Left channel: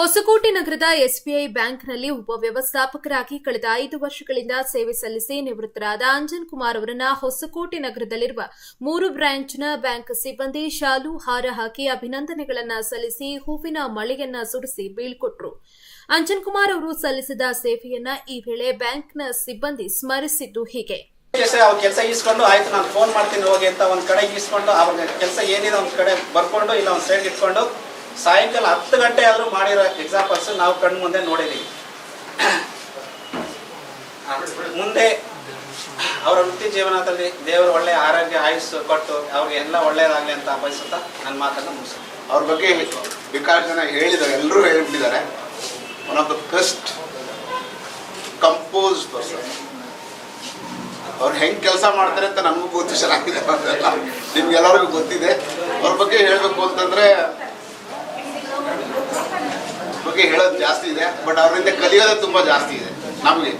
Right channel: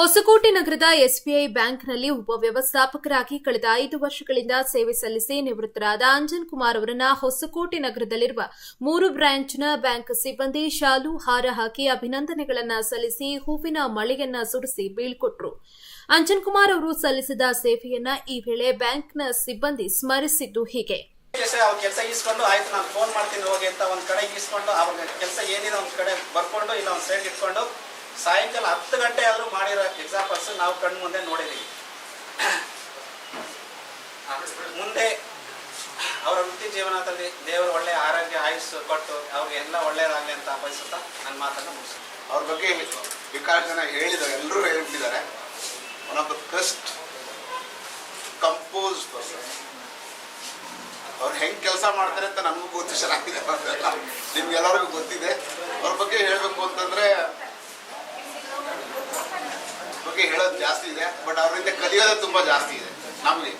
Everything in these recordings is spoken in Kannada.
ಹೊಸಕೋಟೆ ನಗರದ ಎಸ್ಬಿಐ ಬ್ಯಾಂಕ್ನಲ್ಲಿ ಉಪವ್ಯವಸ್ಥಾಪಕರಾಗಿ ಕಳೆದ 5 ವರ್ಷಗಳಿಂದ ಸೇವೆ ಸಲ್ಲಿಸಿ ನಿವೃತ್ತರಾದ ಅಂಜನ್ ಕುಮಾರ್ ಅವರನ್ನ ಹೊಸಕೋಟೆ ನಗರದಲ್ಲಿರುವ 3 ಬ್ರಾಂಚ್ನ ಬ್ಯಾಂಕ್ ಸಿಬ್ಬಂದಿ ಶಾಲು ಹಾರ ಹಾಕಿ ಅಭಿನಂದನೆಗಳನ್ನು ಸಲ್ಲಿಸಿ ಹೂವಿನ ಮಳೆಯನ್ನ ಸುರಿಸಿ ಬೀಳ್ಕೊಟ್ರು. ಅಂಜನ್ ಕುಮಾರ್ ಅವರು ಸಲ್ಲಿಸಿದ ಸೇವೆಯನ್ನ ಈ ವೇಳೆ ಬ್ಯಾಂಕ್ನ ಸಿಬ್ಬಂದಿ ಸ್ಮರಿಸಿದ್ದು ಹೀಗೆ. ಅವ್ರ ಕೆಲಸ ಈಸ್ಕೊಂಡು ಆಯ್ತು ನಾನು ಫೋನ್ ಮಾಡ್ತೀನಿ ಹೋಗಿ ಅಂತ ಒಂದ್ ಕಡೆ ಈಸ್ಕೊಂಡು ಅವ್ರ ಕೆಲಸ ಏನಿದೆ ಒಂದ್ ಕಡೆ ಬರ್ಕೊಂಡು ಇಲ್ಲ ಒಂದ್ ಸೈಡ್ ಇಟ್ಕೊಂಡು ಸಾಯಂಕಾಲ 10 ಗಂಟೆ ಆದ್ರೂ ಮಾಡಿರೋ ಎಕ್ಸಾಂಪಲ್ಸ್ ನಾವು ಕಣ್ಣು ಮುಂದೆ ನೋಡಿದೀವಿ. ಮುಂದೆ ಅವರ ವೃತ್ತಿ ಜೀವನದಲ್ಲಿ ದೇವರು ಒಳ್ಳೆ ಆರೋಗ್ಯ ಆಯುಸ್ಸು ಕೊಟ್ಟು ಅವ್ರಿಗೆ ಎಲ್ಲ ಒಳ್ಳೇದಾಗ್ಲಿ ಅಂತ ಬಯಸುತ್ತಾ ನನ್ನ ಮಾತನ್ನ ಮುಗಿಸ್ತೀನಿ. ಅವ್ರ ಬಗ್ಗೆ ಬೇಕಾದ ಜನ ಹೇಳಿದ್ದಾರೆ, ಎಲ್ಲರೂ ಹೇಳ್ಬಿಟ್ಟಿದ್ದಾರೆ. One of the best compose person. ಅವ್ರು ಹೆಂಗ್ ಕೆಲಸ ಮಾಡ್ತಾರೆ ಅಂತ ನಮಗೂ ಗೊತ್ತಿಸಲಾಗಿದೆ, ನಿಮ್ಗೆಲ್ಲರಿಗೂ ಗೊತ್ತಿದೆ. ಅವ್ರ ಬಗ್ಗೆ ಹೇಳ್ಬೇಕು ಅಂತಂದ್ರೆ ಬಗ್ಗೆ ಹೇಳೋದು ಜಾಸ್ತಿ ಇದೆ, ಬಟ್ ಅವರಿಂದ ಕಲಿಯೋದು ತುಂಬಾ ಜಾಸ್ತಿ ಇದೆ ನಮಗೆ.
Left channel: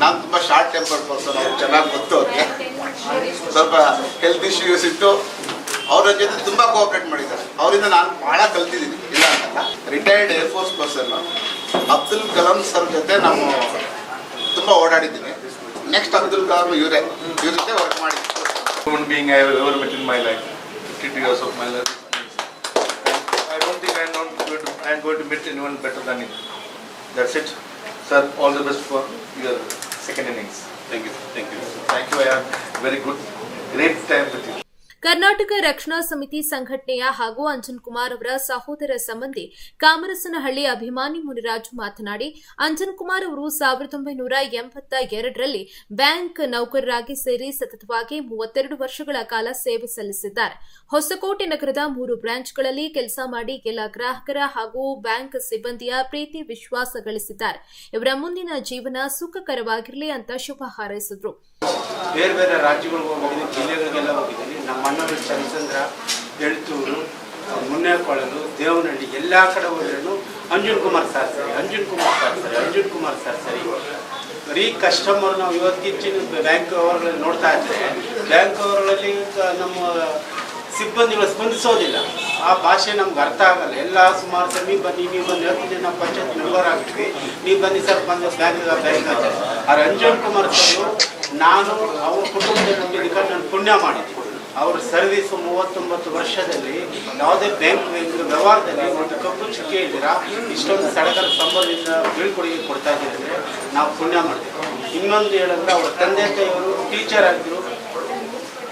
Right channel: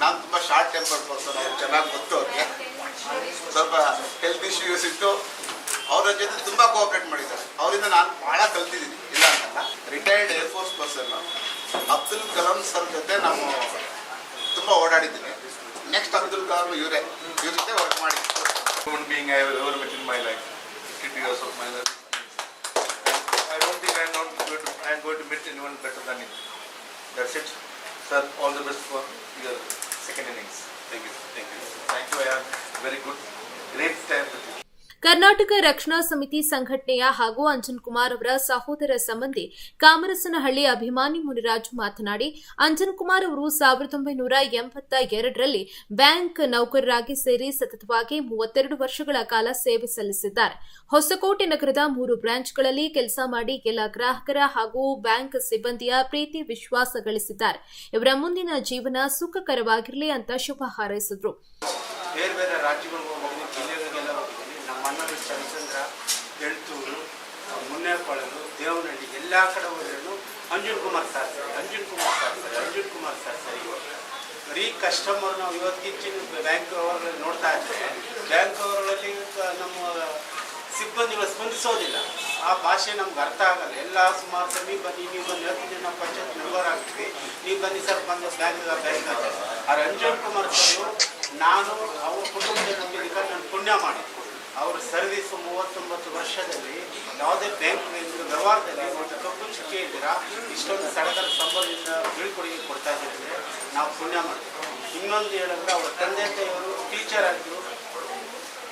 ನಾನು ತುಂಬಾ ಶಾರ್ಟ್ ಟೆಂಪರ್ ಪರ್ಸನ್, ಅವ್ರು ಚೆನ್ನಾಗಿ ಗೊತ್ತು. ಅವ್ರಿಗೆ ಸ್ವಲ್ಪ ಹೆಲ್ತ್ ಇಶ್ಯೂಸ್ ಇತ್ತು, ಅವ್ರ ಜೊತೆ ತುಂಬಾ ಕೋಆಪರೇಟ್ ಮಾಡಿದ್ದಾರೆ. ಅವರಿಂದ ನಾನು ಬಹಳ ಕಲ್ತಿದ್ದೀನಿ, ಇಲ್ಲ ಅಂತಲ್ಲ. Retired air force person Abdul Kalam sir ಜೊತೆ ನಾವು ತುಂಬಾ ಓಡಾಡಿದ್ದೀನಿ. ನೆಕ್ಸ್ಟ್ ಅಬ್ದುಲ್ ಕಲಾಂ ಇವ್ರ ಜೊತೆ ವರ್ಕ್ ಮಾಡಿದ್ದೀನಿ. Human being I have ever met in my life, 50 years of my life. I don't think I am going to meet anyone better than him. That's it, sir. All the best for your second innings. Thank you. I have very good, great time with you. Karnataka ರಕ್ಷಣಾ ಸಮಿತಿ ಸಂಘಟನೆಯ ಹಾಗೂ ಅಂಜನ್ ಕುಮಾರ್ ಅವರ ಸಹೋದರ ಸಂಬಂಧಿ ಕಾಮರಸನಹಳ್ಳಿ ಅಭಿಮಾನಿ ಮುನಿರಾಜು ಮಾತನಾಡಿ, ಅಂಜನ್ ಕುಮಾರ್ ಅವರು 1982ರಲ್ಲಿ ಬ್ಯಾಂಕ್ ನೌಕರರಾಗಿ ಸೇರಿ ಸತತವಾಗಿ 32 ವರ್ಷಗಳ ಕಾಲ ಸೇವೆ ಸಲ್ಲಿಸಿದ್ದಾರೆ. ಹೊಸಕೋಟೆ ನಗರದ 3 ಬ್ರಾಂಚ್ಗಳಲ್ಲಿ ಕೆಲಸ ಮಾಡಿ ಎಲ್ಲ ಗ್ರಾಹಕರ ಹಾಗೂ ಬ್ಯಾಂಕ್ ಸಿಬ್ಬಂದಿಯ ಪ್ರೀತಿ ವಿಶ್ವಾಸ ಗಳಿಸಿದ್ದಾರೆ. ಇವರ ಮುಂದಿನ ಜೀವನ ಸುಖಕರವಾಗಿರಲಿ ಅಂತ ಶುಭ ಹಾರೈಸಿದರು. ಬೇರೆ ಬೇರೆ ರಾಜ್ಯಗಳಿಗೆ ಹೋಗಿದ್ದೀನಿ, ಜಿಲ್ಲೆಗಳಿಗೆಲ್ಲ ಹೋಗಿದ್ದೀನಿ. ನಮ್ಮ ಅಣ್ಣವರು ಚಂದ್ರಚಂದ್ರ, ಎಳ್ತೂರು, ಮುನ್ನೇರಕೊಳ್ಳಲು, ದೇವನಹಳ್ಳಿ ಎಲ್ಲ ಕಡೆ ಹೋದ್ರೂ ಅಂಜನ್ ಕುಮಾರ್ ಸರ್ ಸರಿ. ಬರೀ ಕಸ್ಟಮರ್ ನಾವು ಇವತ್ತಿನ ಬ್ಯಾಂಕ್ ಅವರಲ್ಲಿ ನೋಡ್ತಾ ಇದ್ರೆ ಬ್ಯಾಂಕ್ ಅವರಲ್ಲಿ ನಮ್ಮ ಸಿಬ್ಬಂದಿಗಳು ಸ್ಪಂದಿಸೋದಿಲ್ಲ. ಆ ಭಾಷೆ ನಮ್ಗೆ ಅರ್ಥ ಆಗಲ್ಲ. ಎಲ್ಲ ಸುಮಾರು ಸರ್ ನೀವು ಬನ್ನಿ 10 ಜನ ಪಂಚಾಯತ್ ಮೆಂಬರ್ ಆಗ್ತೀವಿ, ನೀವು ಬನ್ನಿ ಸರ್ ಬಂದು ಬ್ಯಾಂಕ್ ಅಂತ. ಆ ಅಂಜನ್ ಕುಮಾರ್ ಸರ್ ನಾನು ಅವ್ರ ಕುಟುಂಬದಲ್ಲಿ ನಾನು ಪುಣ್ಯ ಮಾಡಿದ್ದೀನಿ. ಅವ್ರ ಸರ್ವಿಸ್ 39 ವರ್ಷದಲ್ಲಿ ಯಾವುದೇ ಬ್ಯಾಂಕ್ ವ್ಯವಹಾರದಲ್ಲಿ ಒಂದು ಕಪ್ಪು ಚುಕ್ಕೆ ಇದ್ದೀರಾ, ಇಷ್ಟೊಂದು ಸಡಗರ ಸಂಬಂಧದಿಂದ ಬೀಳ್ಕೊಡುಗೆ ಕೊಡ್ತಾ ಇದ್ದೀರಿ, ನಾವು ಪುಣ್ಯ ಮಾಡ್ತೀವಿ. ಇನ್ನೊಂದು ಹೇಳಿದ್ರೆ ಅವ್ರ ತಂದೆ ತಾಯಿಯವರು ಟೀಚರ್ ಆಗಿದ್ರು.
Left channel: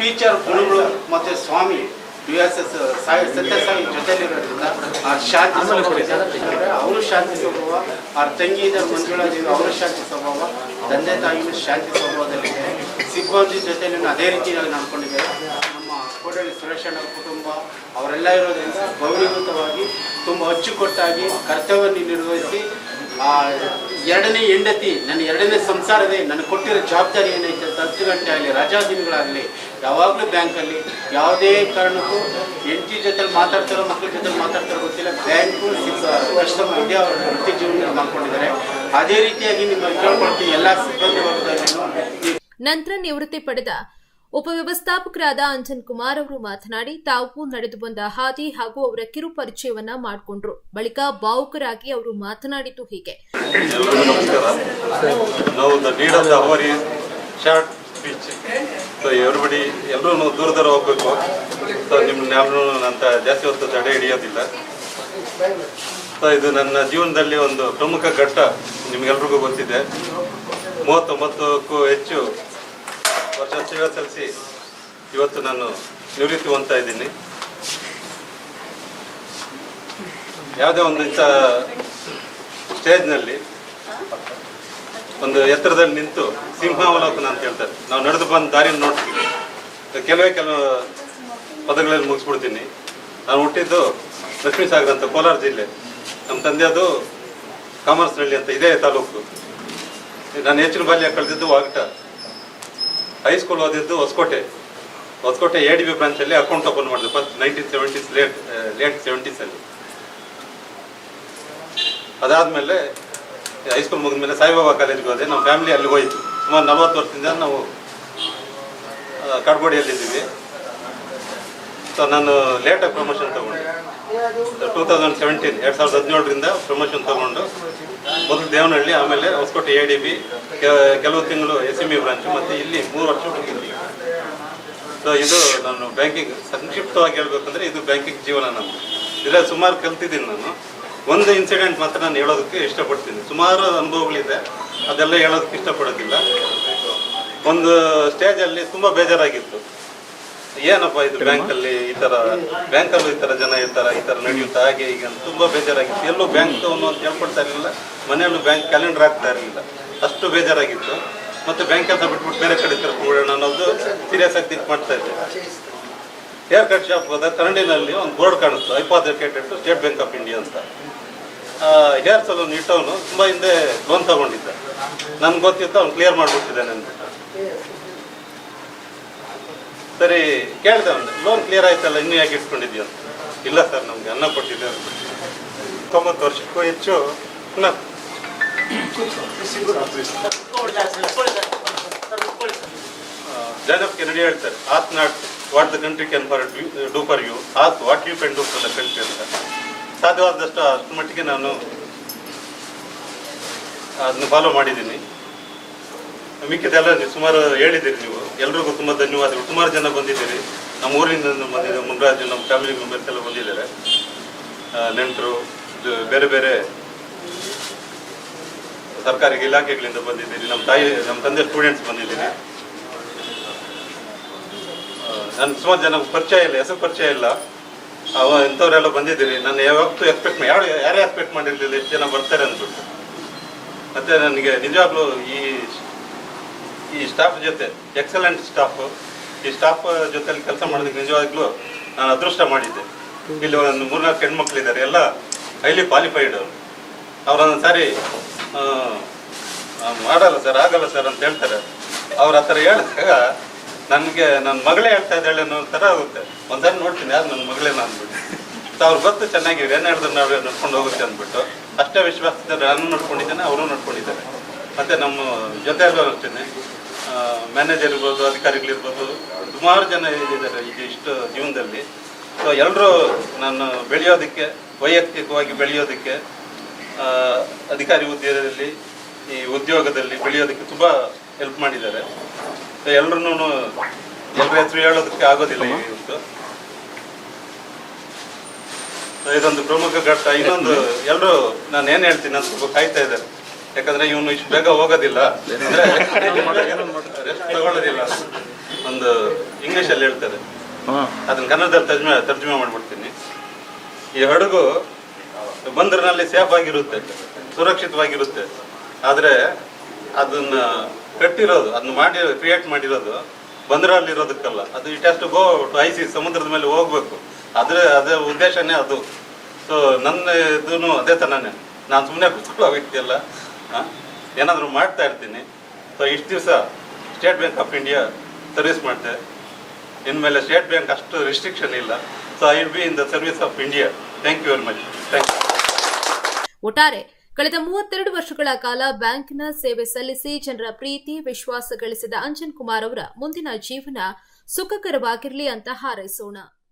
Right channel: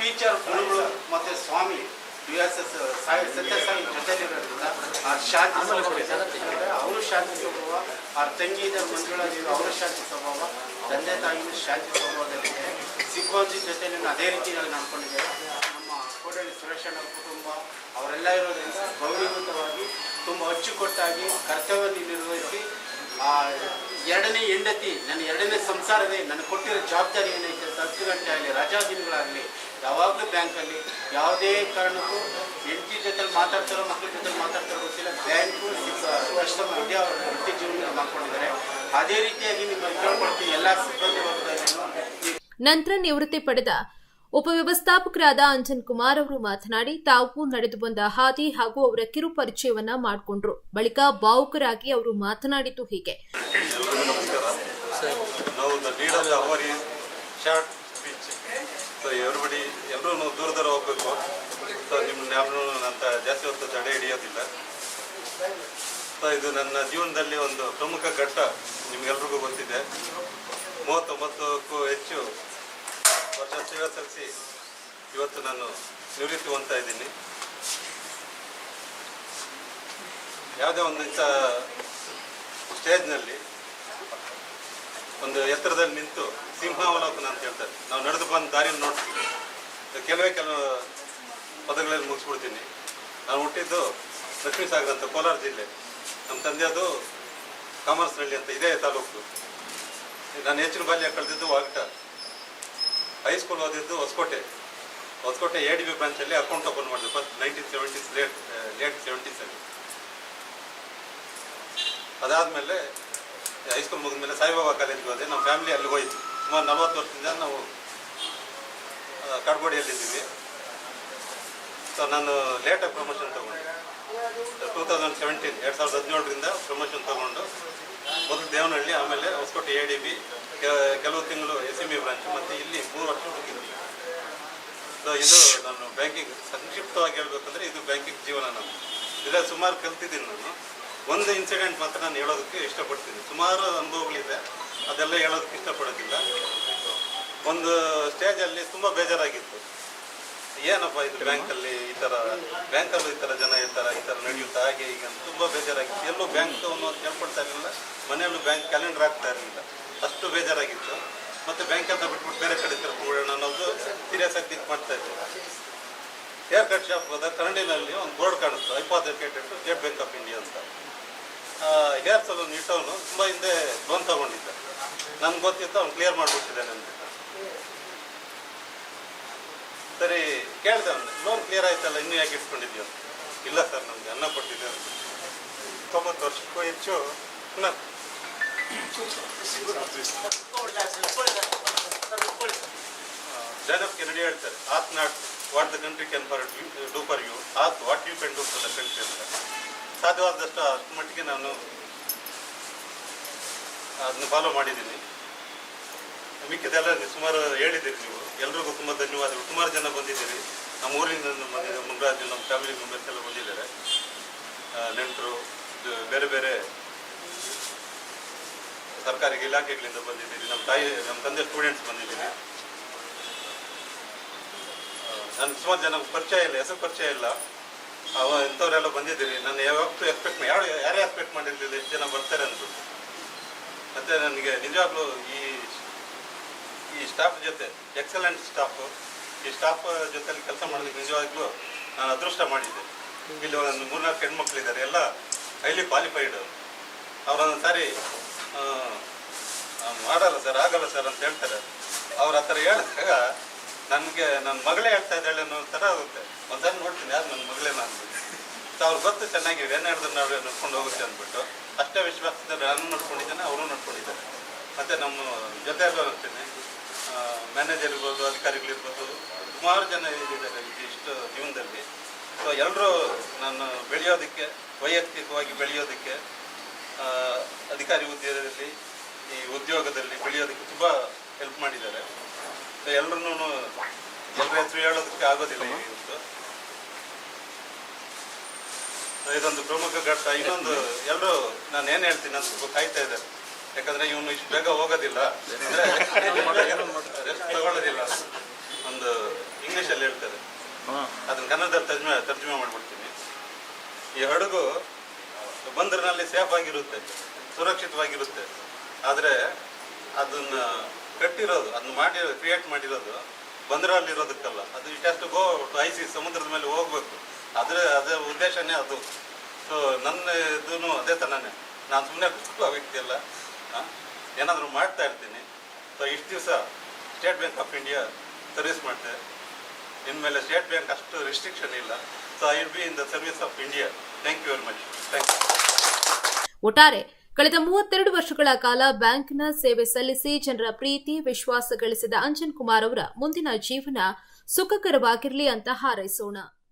ಟೀಚರ್ ಗುರುಗಳು ಮತ್ತು ಸ್ವಾಮಿ USS ಸತ್ಯಸಾಯಿ ಜೊತೆಲಿರೋದ್ರಿಂದ ಆ ಶಾಂತಿ ಸ್ವಭಾವ, ಅವರು ಶಾಂತಿ ಸ್ವಭಾವ, ಅವ್ರ ತಂಗಿ ಇದ್ದಾರೆ ಮಂಜುಳಾದೇವಿ, ಅವರು ಶಾಂತಿ ಸ್ವಭಾವ, ತಂದೆ ತಾಯಿಯೂ ಶಾಂತಿ ಸ್ವಭಾವದಲ್ಲಿದೆ. ಸಿಬ್ಬಂದಿ ಜೊತೆಲಿ ಅದೇ ರೀತಿಯಾಗಿ ನಡ್ಕೊಂಡಿದ್ದಾರೆ. ನಮ್ಮ ಕೋಟಳ್ಳಿ ಸುರೇಶಣ್ಣ ಕುಟುಂಬ ಅವರೆಲ್ಲ ಇರೋದ್ರಿಂದ ಗೌರವಯುತವಾಗಿ ತುಂಬ ಅಚ್ಚುಕಟ್ಟಾಗಿ ಕರ್ತವ್ಯವನ್ನು ನಿರ್ವಹಿಸಿ, ಆ 2ನೇ ಹೆಂಡತಿ ನನ್ನ 2ನೇ ಸಂಸಾರವೇ ನನಗೆ ಕೊಟ್ಟಿರೋ ಜವಾಬ್ದಾರಿ ಏನೈತೆ, 10 ಗಂಟೆ ಆಗಲಿ ರಜಾ ದಿನಗಳಾಗಲಿ ಯಾವಾಗಲೂ ಬ್ಯಾಂಕಲ್ಲಿ ಯಾವುದೇ ಕಾರಣಕ್ಕೂ ಹೆಂಡತಿ ಜೊತೆ ಮಾತಾಡ್ತಾರೋ ಮಕ್ಕಳ ಜೊತೆ ಮಾತಾಡ್ತಾರೋ ಗೊತ್ತಿಲ್ಲ, ಬ್ಯಾಂಕು ಕಸ್ಟಮರ್ ಇದೆ ಅವರ ವೃತ್ತಿ ಜೀವನ ಮಾಡ್ಕೊಂಡಿದ್ದಾರೆ. ಅದೇ ರೀತಿಯಾಗಿ ನಿಮ್ಮಲ್ಲಿ ಕೇಳ್ಕೊಳ್ತೀವಿ ಎಲ್ಲ ಸಿಬ್ಬಂದಿ ವರ್ಗದಲ್ಲೂ. ನಂತರ ನಿವೃತ್ತಿ ಪಡೆದ ಉಪವ್ಯವಸ್ಥಾಪಕರಾದ ಅಂಜನ್ ಕುಮಾರ್ ಅವರು ಮಾತನಾಡಿ, ತಾವು ನಡೆದು ಬಂದ ಹಾದಿ ಹಾಗೂ ಅವರ ಕಿರು ಪರಿಚಯವನ್ನ ಮಾಡಿಕೊಂಡ್ರು. ಬಳಿಕ ಭಾವುಕರಾಗಿ ಅವರು ಮಾತನಾಡಿದ್ದು ಹೀಗೆ. ಎಲ್ಲರೂ ದೂರ ಹೋಗ್ಬೇಕು. ನಿಮ್ಗೆ ಅಂತ ಜಾಸ್ತಿ ಹೊತ್ತು ತಡೆ ಹಿಡಿಯೋದಿಲ್ಲ. ಇದು ನನ್ನ ಜೀವನದಲ್ಲಿ ಒಂದು ಪ್ರಮುಖ ಘಟ್ಟ, ನಿಮ್ಗೆಲ್ರಿಗೂ ಗೊತ್ತಿದೆ. 39ಕ್ಕೂ ಹೆಚ್ಚು ವರ್ಷ ಸೇವೆ ಸಲ್ಲಿಸಿ ಇವತ್ತು ನಾನು ನಿವೃತ್ತಿ ಹೊಂದ್ತಾ ಇದ್ದೀನಿ. ಯಾವುದೇ ಒಂದು ಇಂಥ ಸ್ಟೇಜ್ನಲ್ಲಿ ಒಂದು ಎತ್ತರದಲ್ಲಿ ನಿಂತು ಸಿಂಹಾವಲೋಕನ ಅಂತ ಹೇಳ್ತಾರೆ, ನಾವು ನಡೆದು ಬಂದ ದಾರಿಯನ್ನು ನೋಡ್ತೀವಿ. ಕೆಲವು ಪದಗಳಲ್ಲಿ ಮುಗಿಸ್ಬಿಡ್ತೀನಿ. ನಾನು ಹುಟ್ಟಿದ್ದು ಲಕ್ಷ್ಮೀಸಾಗರ ಅಂತ ಕೋಲಾರ ಜಿಲ್ಲೆ. ನಮ್ಮ ತಂದೆಯದು ಕಾಮರ್ಸ್ನಹಳ್ಳಿ ಅಂತ ಇದೇ ತಾಲೂಕು. ನಾನು ಹೆಚ್ಚಿನ ಬಾಲ್ಯ ಕಳೆದಿದ್ದು ವಾಗಟ. ಹೈಸ್ಕೂಲ್ ಓದಿದ್ದು ಹೊಸಕೋಟೆ ADB ಬ್ರಾಂಚಲ್ಲಿ ಅಕೌಂಟ್ ಓಪನ್ ಮಾಡಿದೆ ಫಸ್ಟ್ 1970s ಲೇಟ್ 70s. ಅದಾದಮೇಲೆ ಹೈಸ್ಕೂಲ್ ಮುಗಿದ್ಮೇಲೆ ಸಾಯಿಬಾಬಾ ಕಾಲೇಜ್ಗೆ ಹೋದೆ. ನಮ್ಮ ಫ್ಯಾಮಿಲಿ ಅಲ್ಲಿ ಹೋಯಿತು. ಸುಮಾರು 40 ವರ್ಷದಿಂದ ನಾವು ಕಾಡ್ಗೋಡಿಯಲ್ಲಿದ್ದೀವಿ. ಸೊ ನಾನು ಲೇಟಾಗಿ ಪ್ರಮೋಷನ್ ತಗೊಂಡೆ. 2017 ಪ್ರಮೋಷನ್ ತಗೊಂಡು ಮೊದಲು ದೇವನಹಳ್ಳಿ, ಆಮೇಲೆ ಹೊಸಕೋಟೆ ADB, ಕೆಲವು ತಿಂಗಳು SME ಬ್ರಾಂಚ್, ಮತ್ತೆ ಇಲ್ಲಿ 3 ವರ್ಷ ಇಲ್ಲಿ. ಸೊ ಇದು ನಾನು ಬ್ಯಾಂಕಿಂಗ್ ಸಂಕ್ಷಿಪ್ತವಾಗಿ ಹೇಳ್ಬೇಕಂದ್ರೆ ಇದು ಬ್ಯಾಂಕಿಂಗ್ ಜೀವನ ನಮ್ಮದು. ಇಲ್ಲ ಸುಮಾರು ಕಲ್ತಿದ್ದೀನಿ ನಾನು. ಒಂದು ಇನ್ಸಿಡೆಂಟ್ ಮಾತ್ರ ನಾನು ಹೇಳೋದಕ್ಕೆ ಇಷ್ಟಪಡ್ತೀನಿ. ಸುಮಾರು ಅನುಭವಗಳಿದೆ, ಅದೆಲ್ಲ ಹೇಳೋದಕ್ಕೆ ಇಷ್ಟಪಡೋದಿಲ್ಲ. ಒಂದು ಸ್ಟೇಜಲ್ಲಿ ತುಂಬ ಬೇಜಾರಾಗಿತ್ತು. ಏನಪ್ಪ ಇದು ಬ್ಯಾಂಕಲ್ಲಿ ಈ ಥರ ಜನ ಇರ್ತಾರೆ, ಈ ಥರ ನಡೆಯುತ್ತಾ, ಹಾಗೆ ಈಗ ತುಂಬ ಬೇಜಾರಾಗಿತ್ತು. ಎಲ್ಲೂ ಬ್ಯಾಂಕ್ ಅಂತ ಹೇಳ್ಕೊಡ್ತಾ ಇರಲಿಲ್ಲ, ಮನೆಯಲ್ಲೂ ಬ್ಯಾಂಕ್ ಕ್ಯಾಲೆಂಡರ್ ಆಗ್ತಾ ಇರಲಿಲ್ಲ, ಅಷ್ಟು ಬೇಜಾರಾಗಿತ್ತು. ಮತ್ತು ಬ್ಯಾಂಕ್ ಅಂತ ಬಿಟ್ಬಿಟ್ಟು ಬೇರೆ ಕಡೆ ಕರ್ಕೊಂಡ್ಬಿಡೋಣ ಅನ್ನೋದು ಸೀರಿಯಸ್ ಆಗಿ ಥಿಂಕ್ ಮಾಡ್ತಾ ಇದ್ದೆ. ಹೇರ್ ಕಟ್ ಶಾಪ್ ಹೋದಾಗ ಕನ್ನಡಿನಲ್ಲಿ ಒಂದು ಬೋರ್ಡ್ ಕಾಣಿಸ್ತು, advocated state Bank of India ಅಂತ. ಹೇರ್ ಸಲೂನ್ ಇಟ್ಟವನು ತುಂಬ ಹಿಂದೆ ಲೋನ್ ತಗೊಂಡಿದ್ದ. ನನ್ಗೆ ಗೊತ್ತಿತ್ತು ಅವ್ನು ಕ್ಲಿಯರ್ ಮಾಡಿಬಿಟ್ಟಿದ್ದಾನೆ ಅಂದ್ಬಿಟ್ಟು. ಸರಿ ಕೇಳಿದೆ ಅವನು, ಲೋನ್ ಕ್ಲಿಯರ್ ಆಯ್ತಲ್ಲ, ಇನ್ನೂ ಯಾಕೆ ಇಟ್ಕೊಂಡಿದ್ಯಾ ಅಂತ. ಇಲ್ಲ ಸರ್, ನಮ್ಗೆ ಅನ್ನ ಕೊಟ್ಟಿದ್ದೆ ಅಂದ್ಬಿಟ್ಟು. 90 ವರ್ಷಕ್ಕೂ ಹೆಚ್ಚು ಜಾನ್ ಎಫ್ ಕೆನಡಿ ಹೇಳ್ತಾರೆ, ask not what the country can do for you, ask what you can do for the country ಅಂತ. ಸಾಧ್ಯವಾದಷ್ಟು ಅಷ್ಟು ಮಟ್ಟಿಗೆ ನಾನು ಅದನ್ನ ಫಾಲೋ ಮಾಡಿದ್ದೀನಿ. ಮಿಕ್ಕಿದೆಲ್ಲ ನೀವು ಸುಮಾರು ಹೇಳಿದ್ದೀರಿ. ನೀವು ಎಲ್ರಿಗೂ ತುಂಬ ಧನ್ಯವಾದಗಳು. ಸುಮಾರು ಜನ ಬಂದಿದ್ದೀರಿ, ನಮ್ಮ ಊರಿನಿಂದ ಬಂದಿದ್ದಾರೆ, ಮುನ್ರಾಜು, ನಮ್ಮ ಫ್ಯಾಮಿಲಿ ಮೆಂಬರ್ಸ್ ಎಲ್ಲ ಬಂದಿದ್ದಾರೆ, ನೆಂಟರು, ಬೇರೆ ಬೇರೆ ಸರ್ಕಾರಿ ಇಲಾಖೆಗಳಿಂದ ಬಂದಿದ್ದೀರಿ, ನಮ್ಮ ತಂದೆ ಸ್ಟೂಡೆಂಟ್ಸ್ ಬಂದಿದ್ದೀರಿ. ನನ್ನ ಸುಮಾರು ಜನ ಪರಿಚಯ ಇಲ್ಲ, ಹೆಸರು ಪರಿಚಯ ಇಲ್ಲ, ಇಂಥವರೆಲ್ಲ ಬಂದಿದ್ದೀರಿ. ನಾನು ಯಾವತ್ತೂ ಯಾರೇ ಎಕ್ಸ್ಪೆಕ್ಟ್ ಮಾಡಿರಲಿಲ್ಲ ಎಷ್ಟು ಜನ ಬರ್ತಾರೆ ಅಂದ್ಬಿಟ್ಟು. ಮತ್ತು ನನಗೆ ನಿಜವಾಗ್ಲೂ ಈ ಸ್ಟಾಫ್ ಜೊತೆ ಎಕ್ಸಲೆಂಟ್ ಸ್ಟಾಫ್, ಈ ಸ್ಟಾಫ್ ಜೊತೆಲಿ ಕೆಲಸ ಮಾಡೋದಕ್ಕೆ ನಿಜವಾಗ್ಲೂ ನಾನು ಅದೃಷ್ಟ ಮಾಡಿದ್ದೆ. ಇಲ್ಲಿ ಒಂದು 3-4 ಹೆಣ್ಮಕ್ಳಿದ್ದಾರೆ, ಎಲ್ಲ ಹೈಲಿ ಕ್ವಾಲಿಫೈಡ್. ಅವರೊಂದು ಸಾರಿ ಮಾಡಲ್ಲ ಸರ್, ಆಗಲ್ಲ ಸರ್ ಅಂತ ಹೇಳ್ತಾರೆ. ಅವ್ರು ಆ ಥರ ಹೇಳಿದಾಗ ನನಗೆ ನನ್ನ ಮಗಳೇ ಹೇಳ್ತಾ ಇದ್ದಾಳೆ ಅನ್ನೋ ಥರ ಆಗುತ್ತೆ. ಒಂದ್ಸಾರಿ ನೋಡ್ತೀನಿ, ಯಾರು ನನ್ನ ಮಗಳೇನ ಅಂದ್ಬಿಟ್ಟು. ಸೊ ಅವ್ರು ಗೊತ್ತು ಚೆನ್ನಾಗಿ ಏನು ಹೇಳಿದ್ರೆ ನಾವು ನಡ್ಕೊಂಡು ಹೋಗುತ್ತೆ ಅಂದ್ಬಿಟ್ಟು. ಅಷ್ಟೇ ವಿಶ್ವಾಸದಲ್ಲಿ ನಾನು ನಡ್ಕೊಂಡಿದ್ದೇನೆ, ಅವರು ನಡ್ಕೊಂಡಿದ್ದಾರೆ. ಮತ್ತು ನಮ್ಮ ಜೊತೆಯಲ್ಲೂ ಅಷ್ಟೇ ಮ್ಯಾನೇಜರ್ ಇರ್ಬೋದು, ಅಧಿಕಾರಿಗಳಿರ್ಬೋದು, ಸುಮಾರು ಜನ ಇದ್ದಾರೆ ಈಗ ಇಷ್ಟು ಜೀವನದಲ್ಲಿ. ಸೊ ಎಲ್ಲರೂ ನಾನು ಬೆಳೆಯೋದಕ್ಕೆ, ವೈಯಕ್ತಿಕವಾಗಿ ಬೆಳೆಯೋದಕ್ಕೆ, ಅಧಿಕಾರಿ ಹುದ್ದೆಯಲ್ಲಿ ಈ ಉದ್ಯೋಗದಲ್ಲಿ ಬೆಳೆಯೋದಕ್ಕೆ ತುಂಬ ಹೆಲ್ಪ್ ಮಾಡಿದ್ದಾರೆ. ಸೊ ಎಲ್ಲರೂ ಎಲ್ಲರ ಹೆಸರು ಹೇಳೋದಕ್ಕೆ ಆಗೋದಿಲ್ಲ ಇವತ್ತು. ಸೊ ಇದೊಂದು ಪ್ರಮುಖ ಘಟ್ಟ. ಇನ್ನೊಂದು, ಎಲ್ಲರೂ ನಾನು ಏನು ಹೇಳ್ತೀನಿ ಅಂತ ಸ್ವಲ್ಪ ಕಾಯ್ತಾ ಇದ್ದಾರೆ. ಯಾಕಂದ್ರೆ ಇವನು ಇಷ್ಟು ಬೇಗ ಹೋಗೋದಿಲ್ಲ, ರೆಸ್ಟ್ ತಗೊಳ್ಳೋದಿಲ್ಲ. ಒಂದು ಇಂಗ್ಲೀಷಲ್ಲಿ ಹೇಳ್ತಾರೆ, ಅದನ್ನ ಕನ್ನಡದಲ್ಲಿ ತರ್ಜುಮೆ ಮಾಡ್ಬಿಡ್ತೀನಿ. ಈ ಹಡಗು ಬಂದರಿನಲ್ಲಿ ಸೇಫ್ ಆಗಿರುತ್ತೆ, ಸುರಕ್ಷಿತವಾಗಿರುತ್ತೆ. ಆದರೆ ಅದನ್ನ ಕಟ್ಟಿರೋದು, ಅದನ್ನ ಕ್ರಿಯೇಟ್ ಮಾಡಿರೋದು ಬಂದರಲ್ಲಿರೋದಕ್ಕಲ್ಲ. ಅದು it has to go to ಐಸಿ, ಸಮುದ್ರದ ಮೇಲೆ ಹೋಗ್ಬೇಕು. ಅದೇ ಉದ್ದೇಶನೇ ಅದು. ಸೊ ನನ್ನ ಇದೂ ಅದೇ ಥರನೇ. ನಾನು ಸುಮ್ಮನೆ ಕೂತ್ಕೊಳ್ಳೋ ವ್ಯಕ್ತಿ ಅಲ್ಲ, ಏನಾದರೂ ಮಾಡ್ತಾ ಇರ್ತೀನಿ. ಸೊ ಇಷ್ಟು ದಿವಸ State Bank of India service ಮಾಡ್ತೆ. ಇನ್ಮೇಲೆ ಸ್ಟೇಟ್ ಬ್ಯಾಂಕ್ ಅಷ್ಟು ರಿಸ್ಟ್ರಿಕ್ಷನ್ ಇಲ್ಲ. So I will be in the service of India. Thank you very much. Thank you. ಒಟ್ಟಾರೆ ಕಳೆದ 32 ವರ್ಷಗಳ ಕಾಲ ಬ್ಯಾಂಕ್ನ ಸೇವೆ ಸಲ್ಲಿಸಿ ಜನರ ಪ್ರೀತಿ ವಿಶ್ವಾಸ ಗಳಿಸಿದ ಅಂಜನ್ ಕುಮಾರ್ ಅವರ ಮುಂದಿನ ಜೀವನ ಸುಖಕರವಾಗಿರಲಿ ಅಂತ ಹಾರೈಸೋಣ.